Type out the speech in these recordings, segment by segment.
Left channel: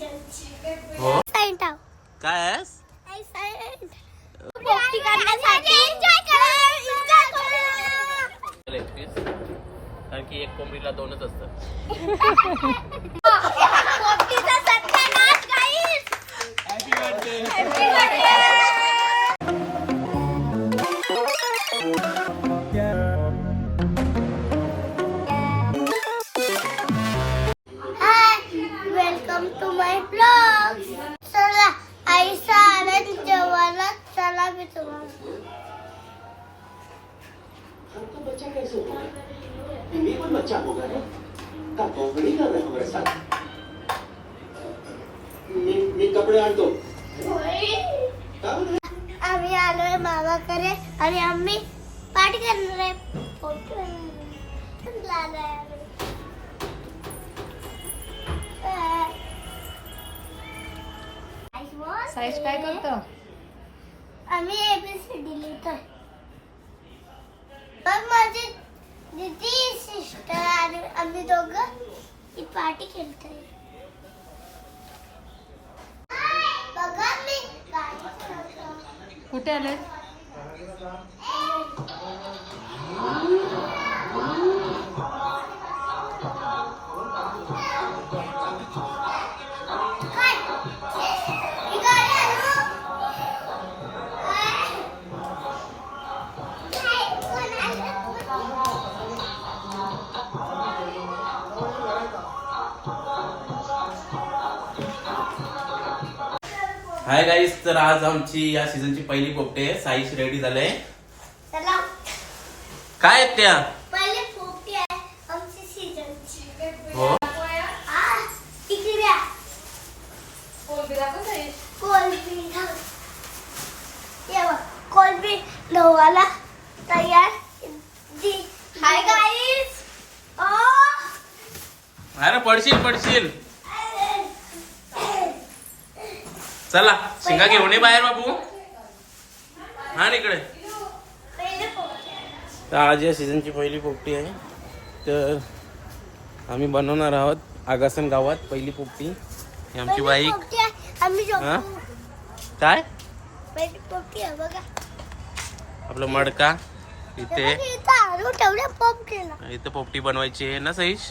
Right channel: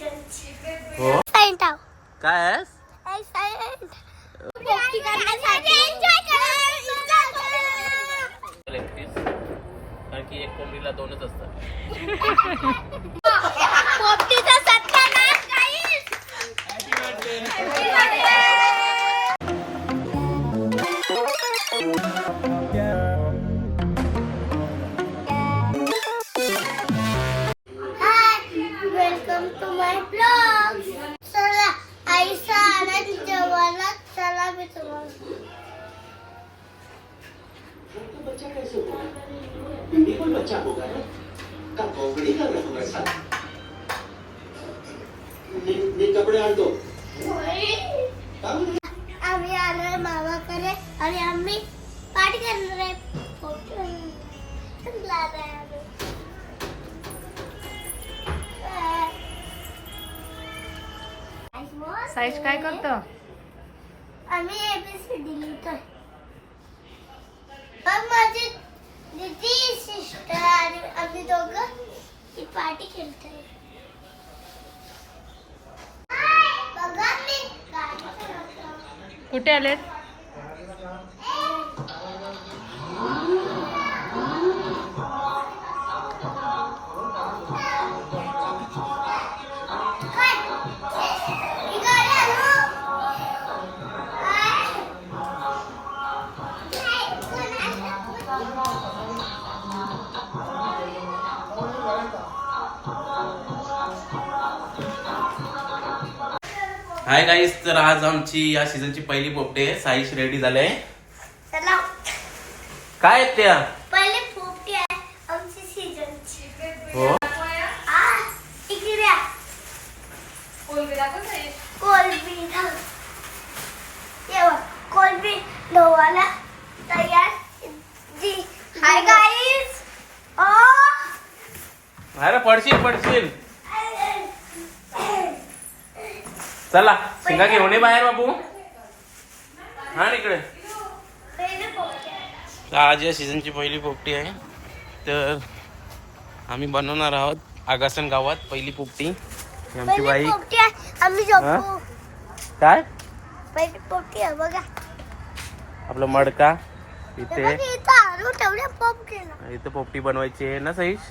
हो सायंट आहो. काय आहेस करण्यासाठी. एकतीस कारण की एक कोंबडीला दोनच असतात पोपटीचा कैसे हुआ ये कोई बच्चा होगा ना का कोंबड़ी का रंग वैसा ये ये कपड़े आण दो का बरं? आम्ही. आलोय मामाकडे आणि आम्ही पार्टी करणार आहे साईश काय करतो आम्ही एबीसीडी लिहितोय. मग माझी दीदी सिस्टर आणि आम्ही दोघं ही पार्टी खेळतोय बघा मी कुठे आलेत? हाय गाईस तर आज आमची या सीझनची पहिली पोपटे आहे. साईश रेडी झाले आहे. चला. काय आहेत त्या? पहिले पोपटी आहे आमची सीझनची हो आ तिकडे कोलबी तेव्हा कोलबी गव्हाला तयार जी हाय गाईस ओ अरे पडशील पडशील चला शिंगा घेऊन ये बाहेर बाबू. हा इकडे. तर आज या सीझनची पहिली पोपटी आहे. तर आम्ही बनवणार आहोत आगासन गावात पहिली पोपटी. ही आमची बाईक काय? आपलं मडका. इथे. इथं पोपटी बनवायची आहे ना सईश?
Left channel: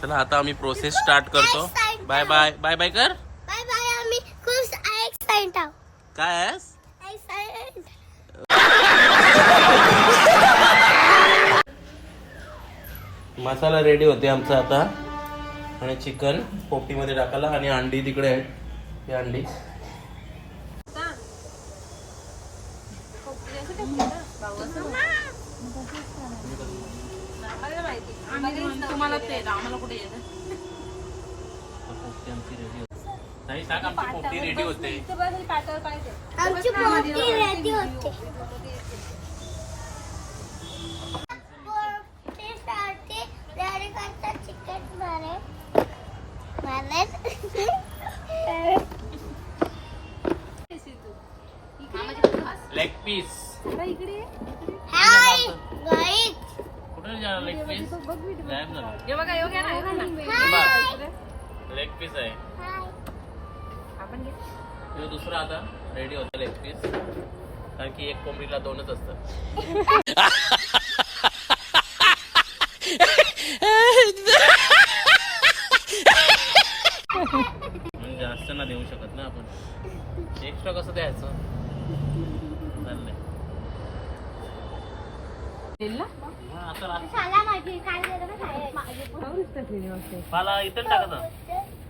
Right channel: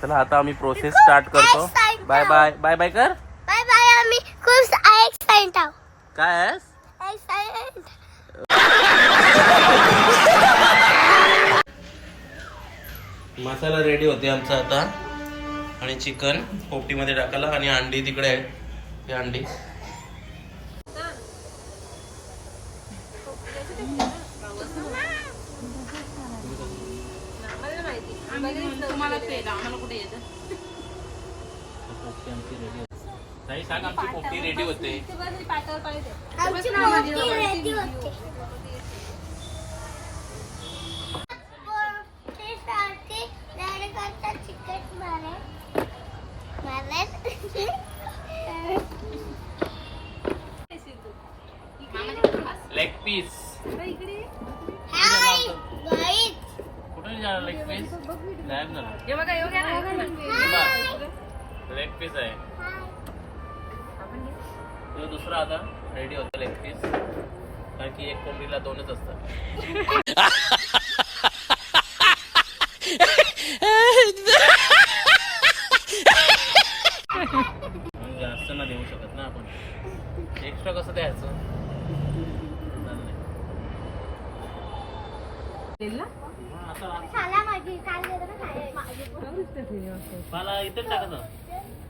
चला आता आम्ही प्रोसेस स्टार्ट करतो. बाय बाय बाय बाय कर बाय बाय आम्ही खूप एक्साइट काय आहेस एक्साइट मसाला रेडी होते आमचा आता. आणि चिकन पोपटीमध्ये टाकायला आणि अंडी तिकडे आहे ते अंडी. तुम्हाला आम्हाला कुठे येतं? पोपटी आमची रेडी होते. नाही सांग आमची पोपटी रेडी होते. आमची पोपटी रेडी होते. पोपटीसाठी रेडी करता चिकन मारे. लेग पीस हाय कुठे लेग पीस गायब झाला. हे बघा ना, लेग पीस आहे. तो दुसरा आता रेडी होता लेग पीस कारण की एक कोंबडीला दोनच असतात. जास्त ना देऊ शकत ना आपण. एक्स्ट्रा कसं द्यायचं? चाललंय? हा. पाला इथे टाकायचा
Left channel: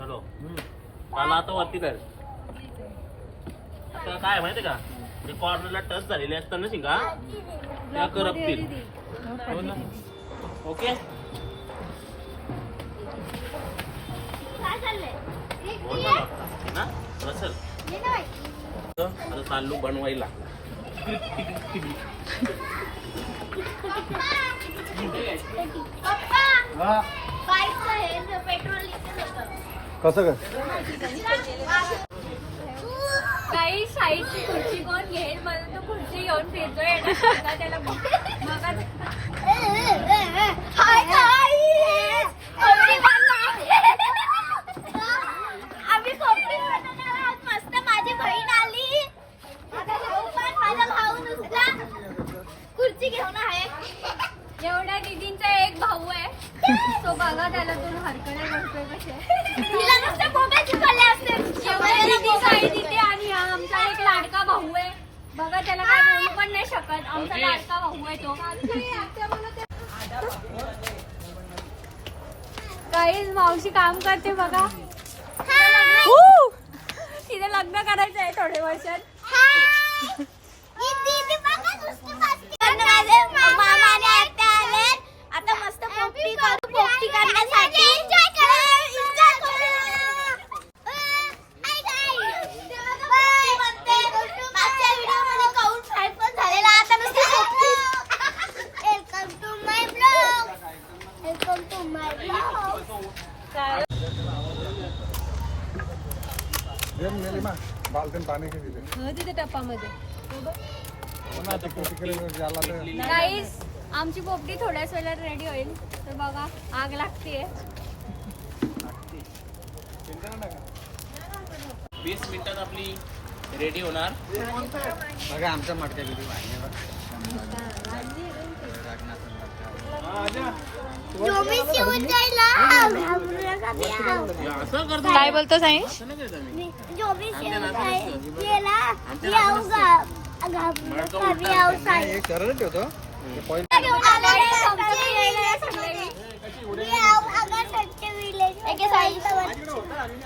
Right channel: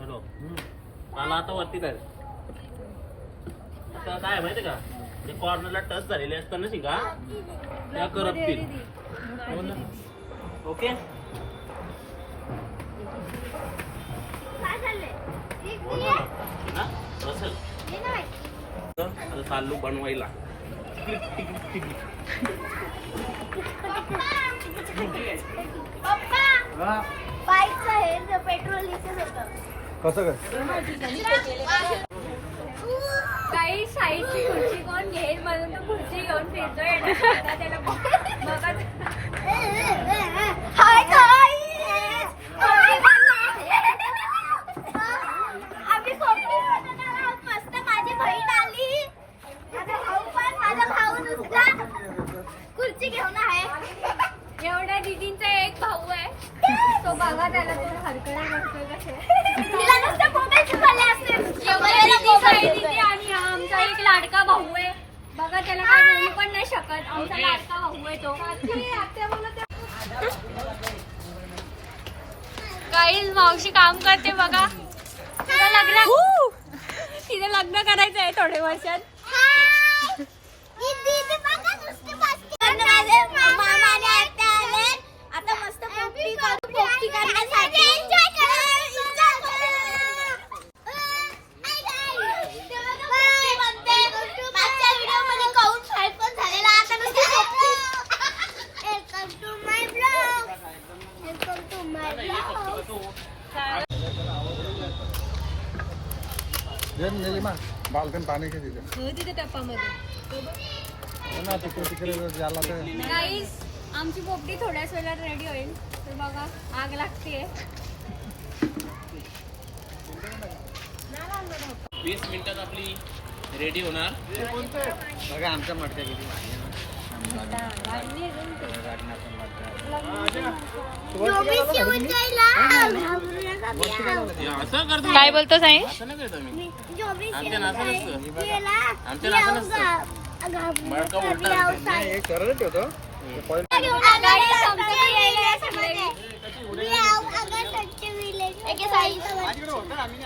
हॅलो. पाला आता वरती काय आता काय आहे माहिती का? ते कॉर्नरला टच झालेले असतात ना शिंगा. त्या करपतील. हो ना? ओके? बोल मला ना? बसल. आता चाललो बनवायला. हे. पेट्रोल इथे काही साईजची खुर्ची कोण घेईल म्हणून तो खुर्ची घेऊन फिरतोय आणि आता त्याला खुर्ची घेऊन आहे. एवढ्या दिदींचा एक भाऊ आहे. तो बघा त्याला तो हरकडे करतोय कसे तिला नुसतं मोबाईल शिकवले असते एक लाडका भाऊ आहे. बघा त्याला काय बोलू पण नाही शकत. आमचा लाडका भाऊ आहे तो. काही मावशी काम करते बघा. तिला लग्न तिला लग्न करायचं आहे थोड्या वर्षात. आले आता मस्त पोपटी करू पोपटी करण्यासाठी. बाल्कन पाणी के तिथे तिथे टप्पामध्ये गाईस आमची पोपटी थोड्याच वेळात रेडी होईल. तर बघा आग लागते वीस मिनिटात आपली रेडी होणार. बघा आमच्या मटक्या किती काय बोलतो साई?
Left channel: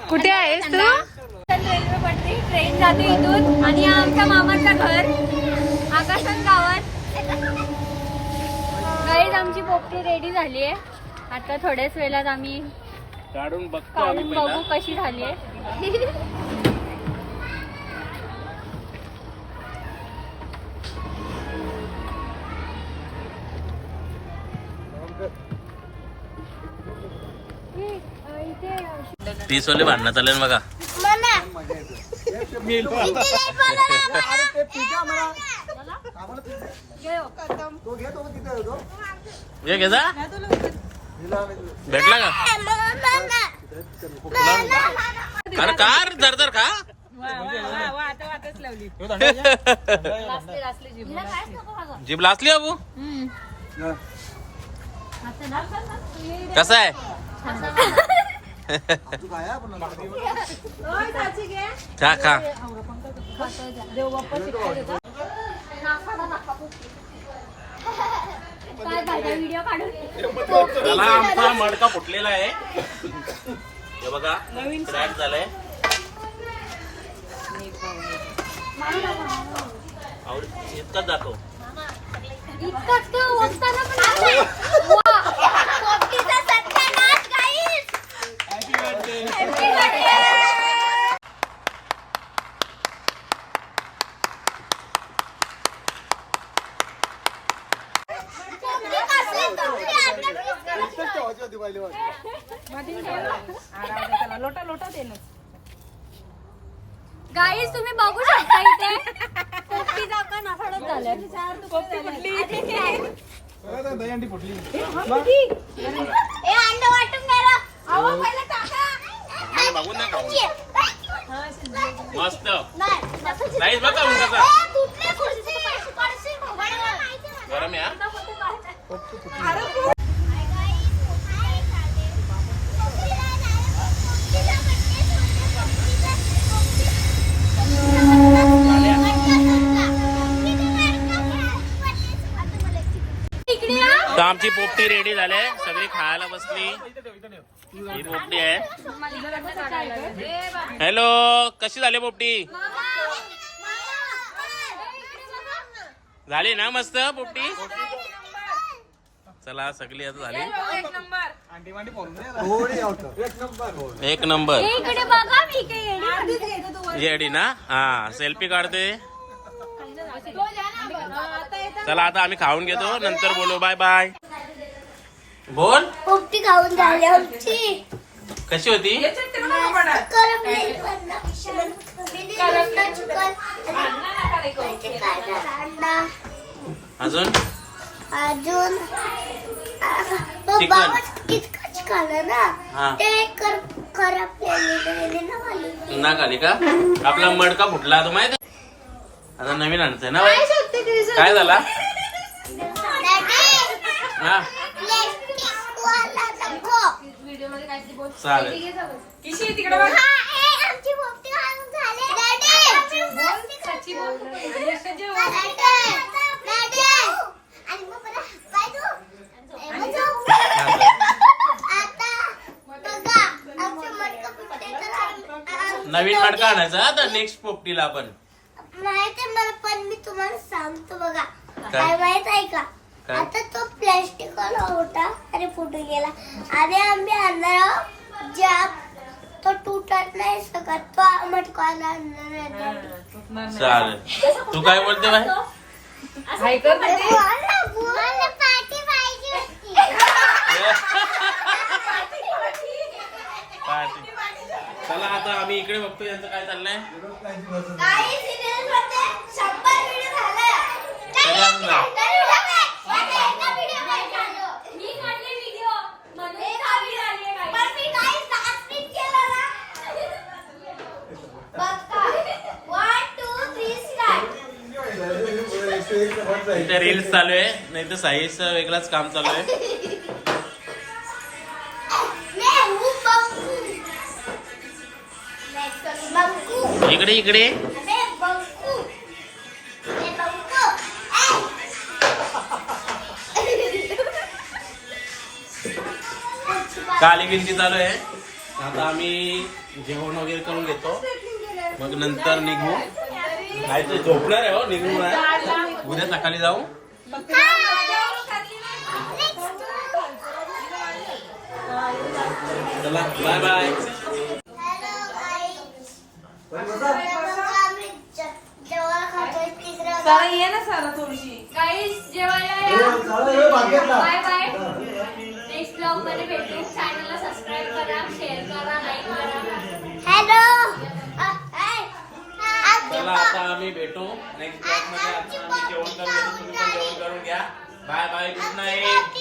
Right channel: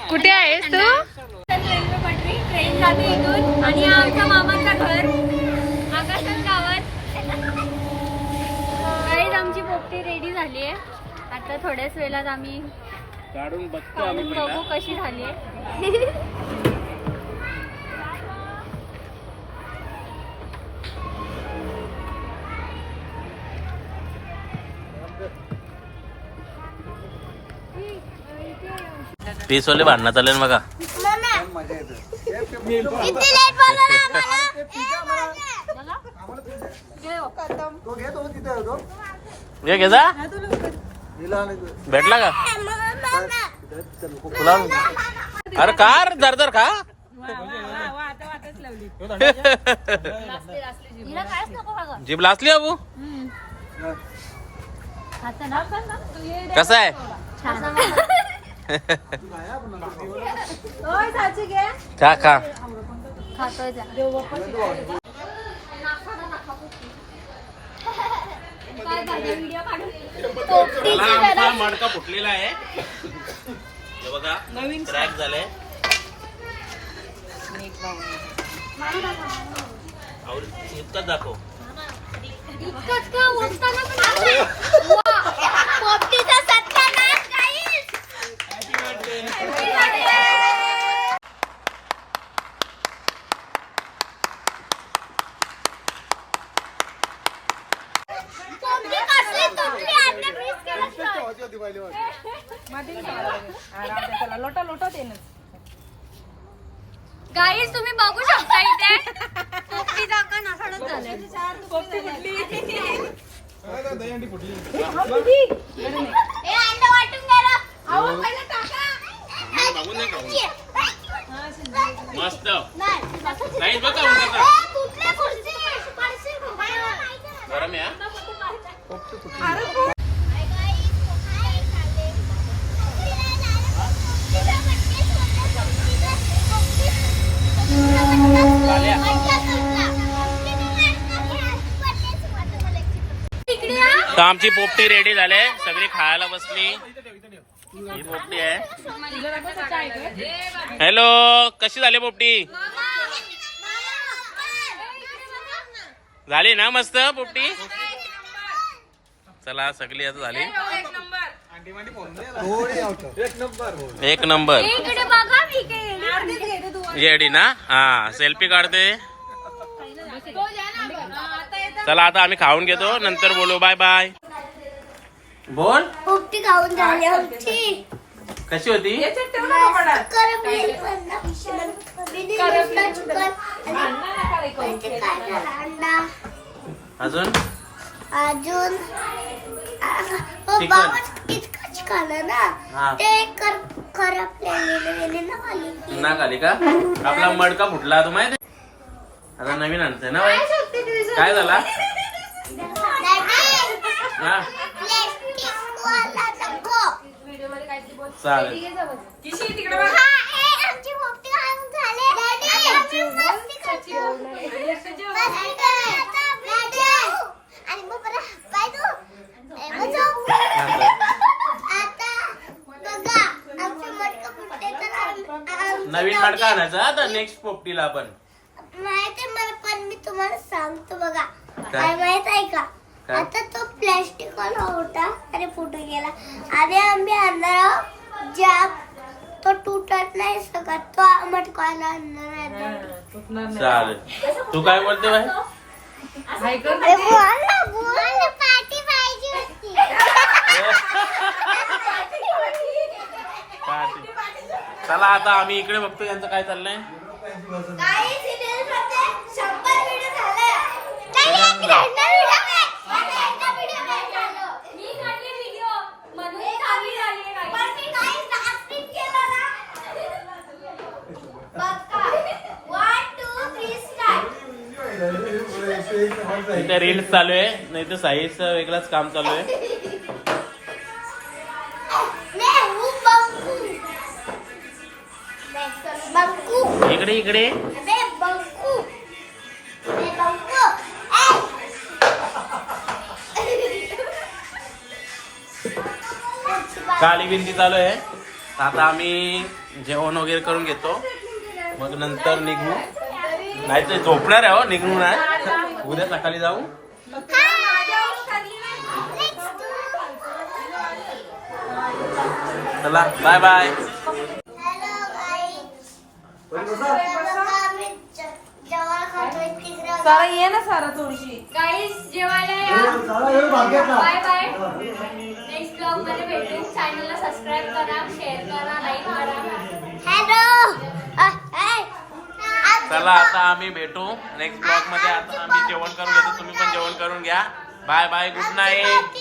कुठे आहेस तू? रेल्वे पटरी ट्रेन जाते इथून आणि आमच्या मामाचं घर आकाशात गावात. गाईज आमची पोपटी रेडी झाली आहे आता थोड्याच वेळात आम्ही काढून बघतो आम्ही काढून पहिला. बघू कशी झाली आहे तीस वाले भांडणात आले ना बघा. मम्मी. किती ये घे जा भेटला का। तुला अरे कार दर दर खा। जीभ लाचली अबू कसा आहे खा? खा काय करता व्हिडिओ काढून त्याला आमचा मडका फुटलेला आहे. हे बघा क्रॅक झालाय. और इतकाच जातो इतकाच का? ओढताना पण नाही. वा. पोपटीचा सत्यानाश guys. पोपटी कसली तुटली आता please करा. लोटा लोटा दे ना गाईज तुम्ही बघू शकता इथे. पोपटी जागा नासाडत झाले. पोपटी दहीहंडी फुटली ए, अंडा वाटून दे रे. अहो, पहिलं टाका. बघून नाही खाऊ. मस्त. नाही, बघा. गरम आहे? तर आमची पोपटी रेडी झाले सगळी खायला बसली. ही पोपटी आहे. हॅलो कशी झाली पोपटी? झाली ना मस्त पोपटी? चला सगळी आता झाली. एक नंबर. येडी ना? हा सेल्फी काढते. चला आता आम्ही खाऊन घेतो. नंतर बोलू. Bye bye. बोल. पोपटी खाऊन झाली आमची. कशी होती? अजून? अजून. ना. ना खाली. का? आपला मडका फुटला तो माहिती आता नवीन आणतोय ना बाई? काय झाला हा चालेल. आता. आता. आता नवीन मडका आणायचा तर नेक्स्ट पोपटीला आपण माहिती आहे मला पण मी तुम्हाला सांगतो बघा. काय? माहीत आहे का? आता तो प्लॅस्टिक वाला होता. आणि फुटून गेला. आणि आम्ही आणणार ज्या तो तुटत नाही सकत तो मटकाला आणणार daddy. चालेल. तू काय बोलते पार्टी पाहिजे होती. पाहते. चला आता आम्ही इकडे बघतो यांचं काय चाललंय काही serial मध्ये शंभर video झाले. आणून. इथे रील्स चालू आहे नाही तर साईचं वेगळंच काम चालू आहे मैं हूँ बंकू. बंकू. इकडे इकडे काली गिनती चालू आहे. आता आम्ही जेवण वगैरे करून घेतो. मग नंतर निघू. नाही तर झोपणार आहे हो निघू नाही. उद्या सकाळी जाऊ. चला बाय बाय जेवायला या. बाय बाय नेक्स्ट ब्लॉगमध्ये भेटू चॅनलला सबस्क्राईब करा शेअर करा लाईक करा हॅलो चला आता आम्ही भेटू. नेक्स्ट ब्लॉगमध्ये आता आम्ही जेवण करून घेतो. तुम्ही पण जेवण करून घ्या. Bye bye good night